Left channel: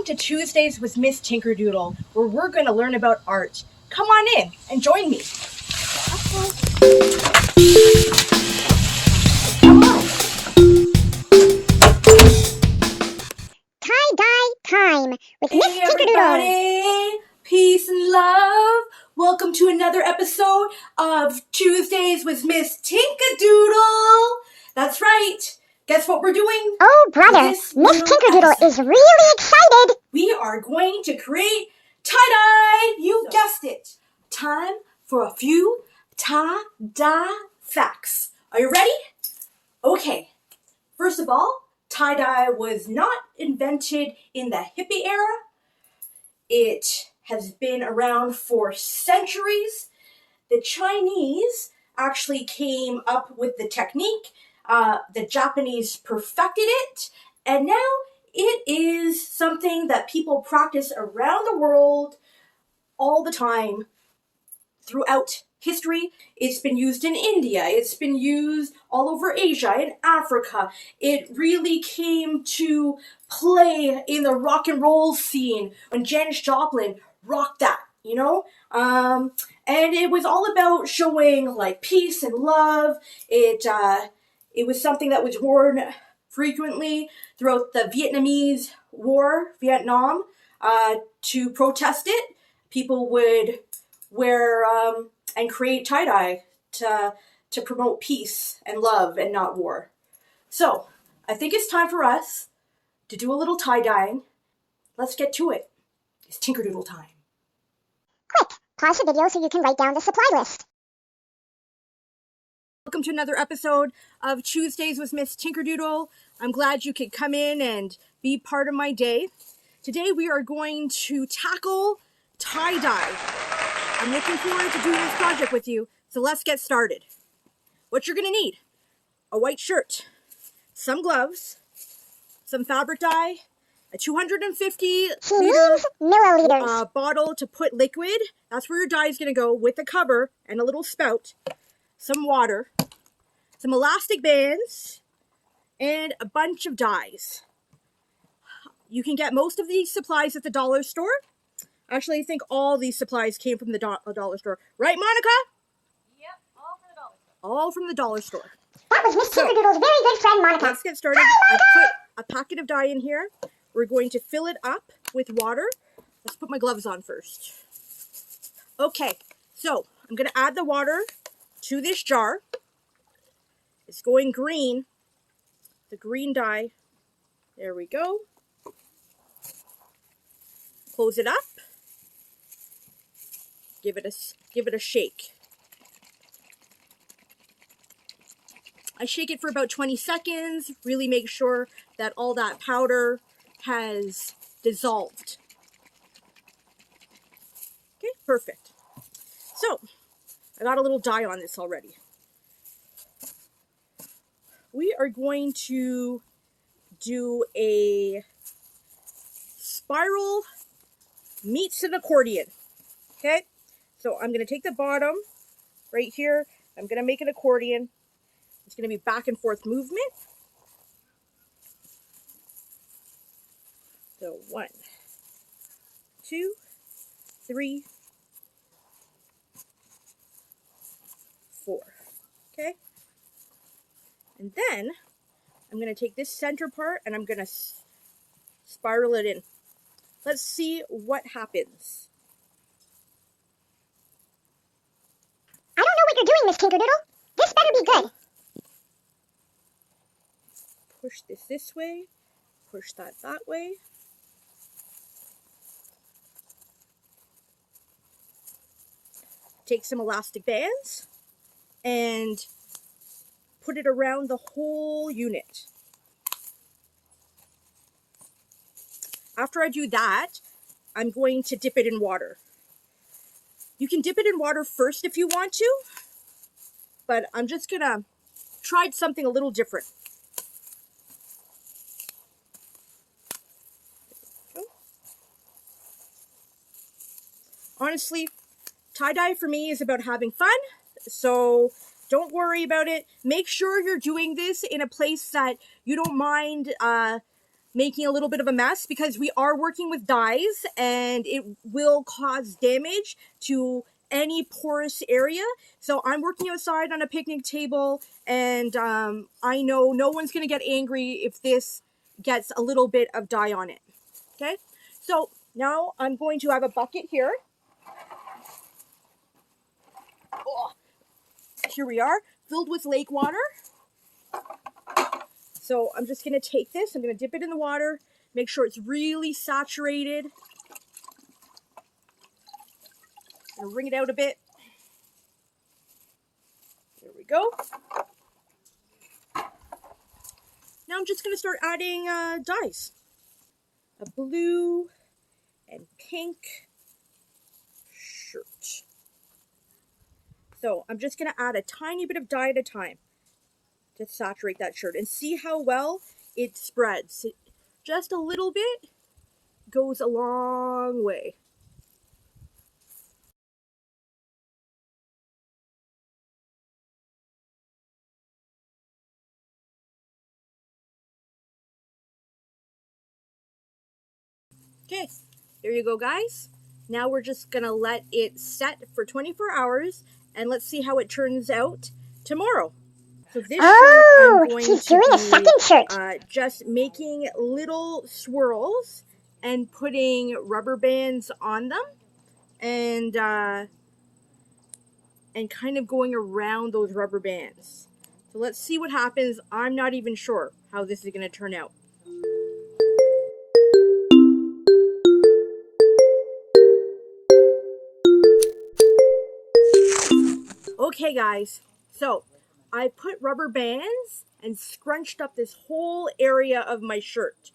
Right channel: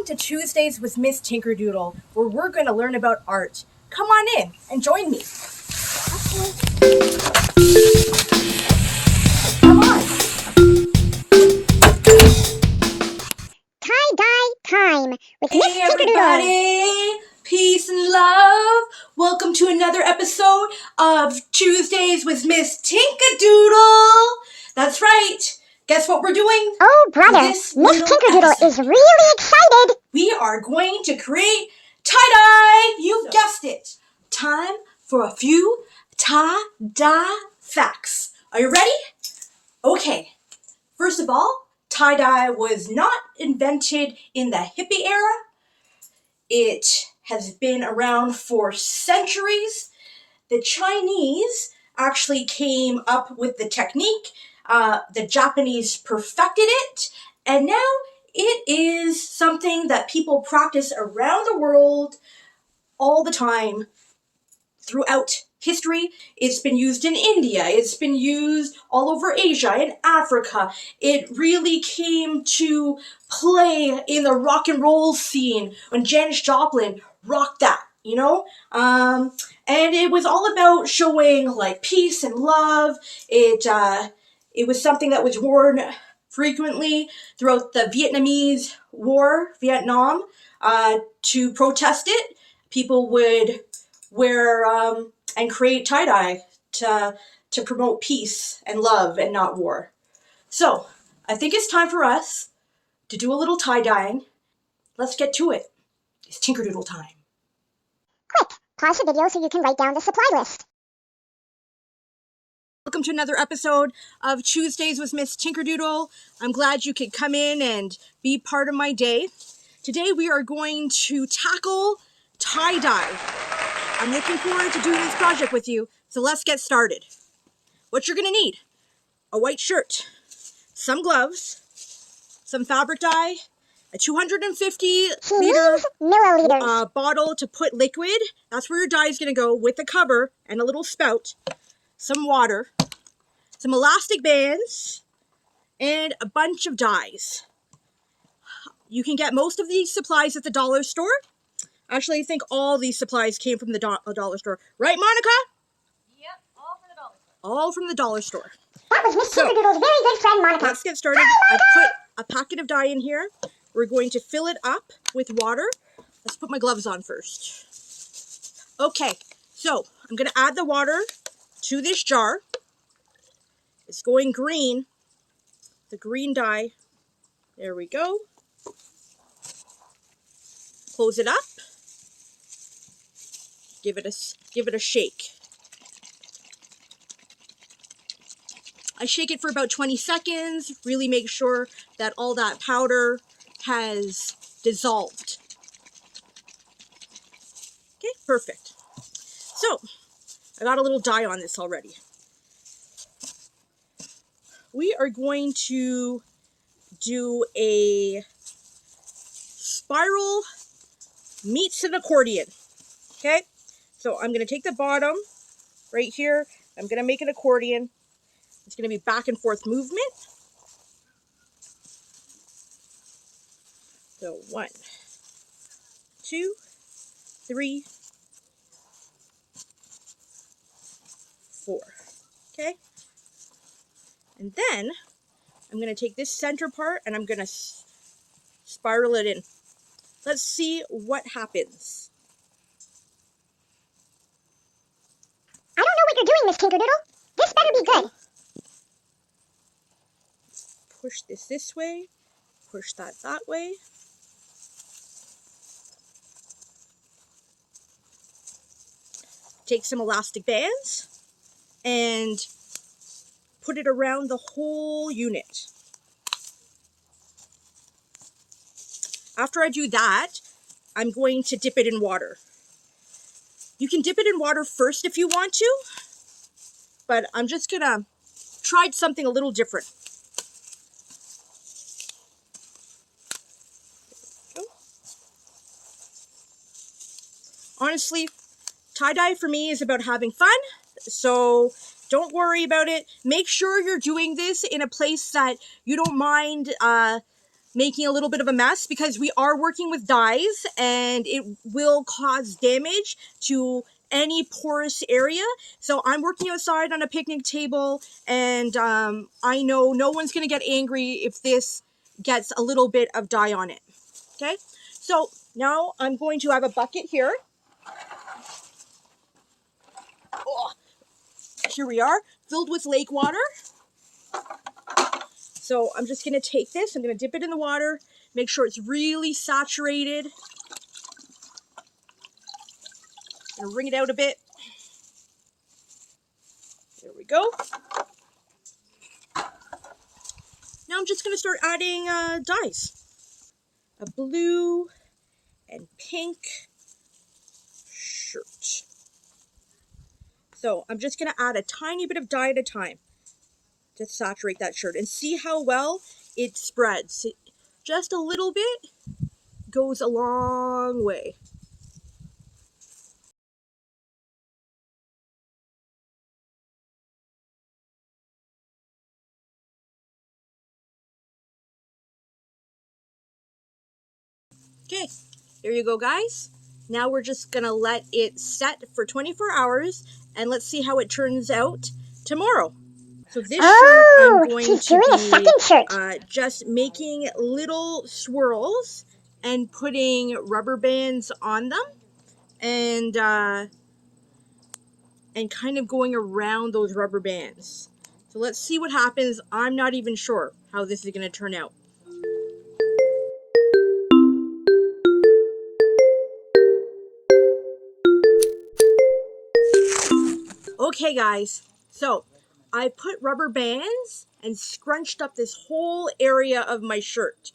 Welcome to Tuesdays with Miss Tinkerdoodle, where we're going to learn about art. Come on in and join me. Come on. Tie-dye time with Miss Hey Tinkerdoodle. everybody, peace and love. Welcome to another episode of Tuesdays with Miss Tinkerdoodle. That's right. Guess what we're doing? Oh, brother, This Miss little Tinkerdoodle episode. is really excited. We are going to create tie-dye. You guessed it. Time for a few tie-dye facts. Are you ready? Okay. First of all, tie-dye was not invented in the hippie era. It has been around for centuries. The Chinese actually came up with the technique. The Japanese perfected it. And now it is something that people practice around the world all the time throughout history. It's been used in India. It's been used all over Asia, in Africa. It really came to play in the rock and roll scene when Janis Joplin rocked that, you know? And it was all about showing like peace and love. It was something that was worn frequently throughout the Vietnamese War, Vietnam, to protest it. People would wear and create tie-dye to promote peace and love and not war. So I think it's time for us to do a little tie-dyeing. Let's get to it. It's Tinkerdoodle time. Quick, pause the video so you can write down the supply list. Welcome to another episode of Tuesdays with Miss Tinkerdoodle. I'm glad you could come in and be part of my day. Today we are going to tackle tie-dye. I'm looking forward to doing this project with you, so let's get started. What you're gonna need: a white shirt, some gloves, some fabric dye, a 250 liter milliliters. bottle to put liquid. That's where your dye is gonna go, with a cover and a little spout, some water, some elastic bands, and a bunch of dyes. You can get most of these supplies at the dollar store. Actually, I think all these supplies came from the dollar store. Right, Monica? Yep, all from the dollar store. All from the dollar store. That was Miss Tinkerdoodle's very good friend, Monica. Let's get started. I put a packet of dye in here. We're going to fill it up with water. Let's put my gloves on first. Okay, so I'm going to add the water to this jar. It's going green. The green dye. There we go. Close it up. Give it a shake. I shake it for about 20 seconds. Really make sure that all that powder has dissolved. Okay, perfect. So, I got a little dye on this already. We are going to do a spiral meets an accordion. Okay? So I'm going to take the bottom right here. I'm going to make an accordion. It's going to be back and forth movement. So 1, 2, 3, 4. Okay? And then I'm going to take this center part and I'm going to spiral it in. Let's see what happens. I don't know what you're doing, Miss Tinkerdoodle. This better be good. Push this way. Push that way. Take some elastic bands and put it around the whole unit. After I do that, I'm going to dip it in water. You can dip it in water first if you want to, but I'm just gonna try something a little different. Honestly, tie-dye for me is about having fun, so don't worry about it. Make sure you're doing this in a place that you don't mind making a little bit of a mess because we are working with dyes and it will cause damage to any porous area. So I'm working outside on a picnic table, and I know no one's going to get angry if this gets a little bit of dye on it. Okay, so now I'm going to have a bucket here. Oh, here we are, filled with lake water. So I'm just going to take this, I'm going to dip it in the water, make sure it's really saturated. And wring it out a bit. There we go. Now I'm just going to start adding dyes. A blue and pink shirt. So I'm just going to add a tiny bit of dye at a time to saturate that shirt and see how well it spreads. Just a little bit goes a long way. Okay, there you go, guys. Now we're just gonna let it set for 24 hours and let's see how it turns out tomorrow. So this shirt, I'm going she's to doing be a second shirt. just making little swirls and putting rubber bands on them, and kind of going around those rubber bands. So let's see what happens. I'm not even sure how this is going to turn out. Okay, guys, so I put rubber bands and scrunched up this whole area of my shirt.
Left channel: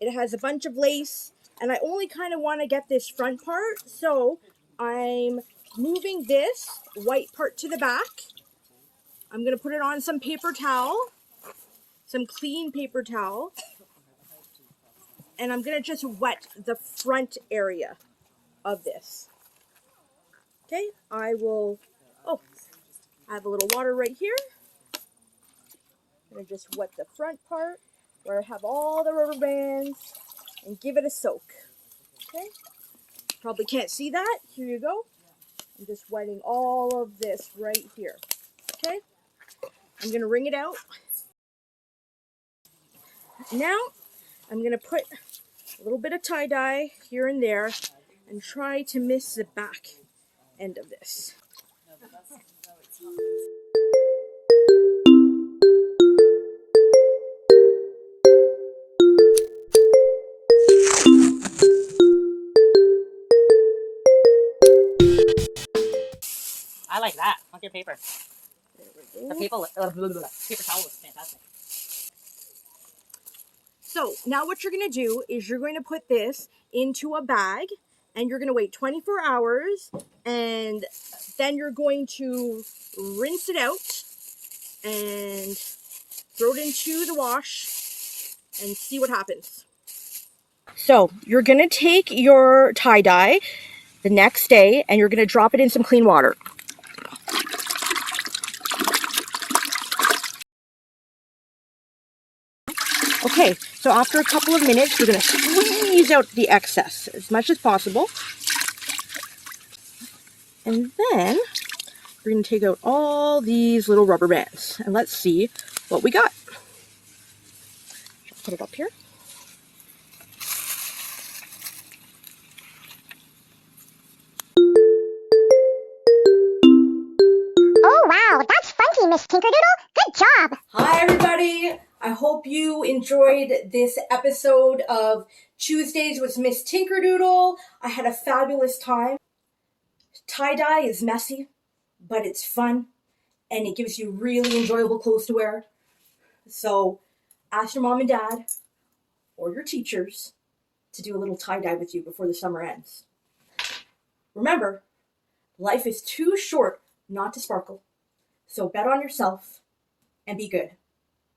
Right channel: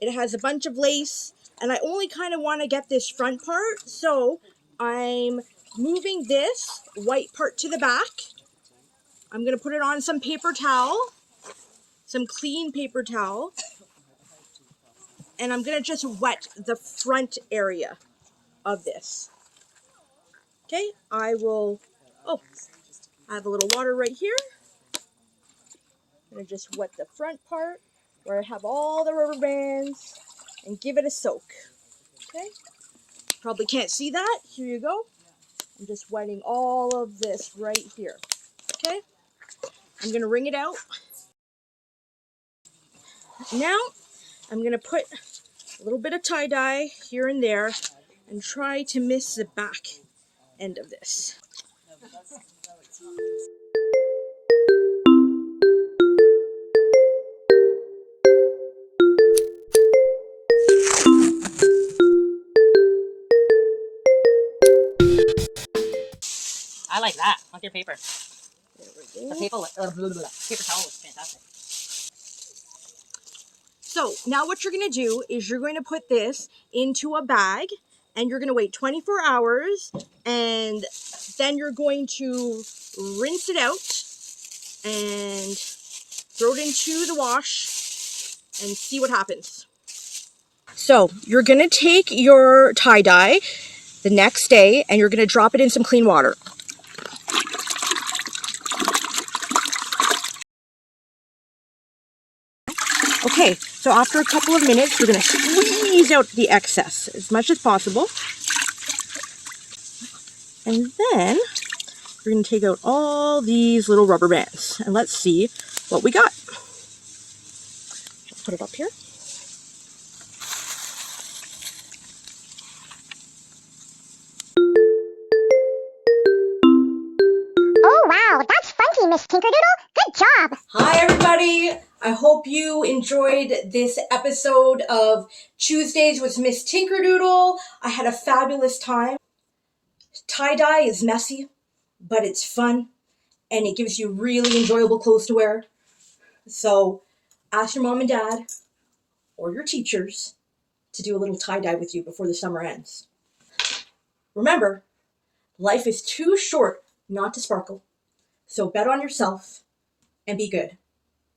It has a bunch of lace, and I only kind of want to get this front part, so I'm moving this white part to the back. I'm going to put it on some paper towel, some clean paper towel, and I'm going to just wet the front area of this. Okay, I will, add a little water right here. I'm going to just wet the front part where I have all the rubber bands and give it a soak. Okay, probably can't see that. Here you go. I'm just wetting all of this right here. Okay, I'm going to wring it out. Now, I'm going to put a little bit of tie-dye here and there and try to miss the back end of this. I like that. With your paper. There we go. The paper towel looks fantastic. So now what you're going to do is you're going to put this into a bag and you're going to wait 24 hours and then you're going to rinse it out and throw it into the wash and see what happens. So you're going to take your tie-dye the next day and you're going to drop it in some clean water. Okay, so after a couple of minutes, you're going to squeeze out the excess as much as possible. And then we're going to take out all these little rubber bands. And let's see what we got. I'll put it up here. Oh wow, that's funky, Miss Tinkerdoodle. Good job. Hi, everybody. I hope you enjoyed this episode of Tuesdays with Miss Tinkerdoodle. I had a fabulous time. Tie-dye is messy, but it's fun, and it gives you really enjoyable clothes to wear. So ask your mom and dad or your teachers to do a little tie-dye with you before the summer ends. Remember, life is too short not to sparkle. So bet on yourself and be good.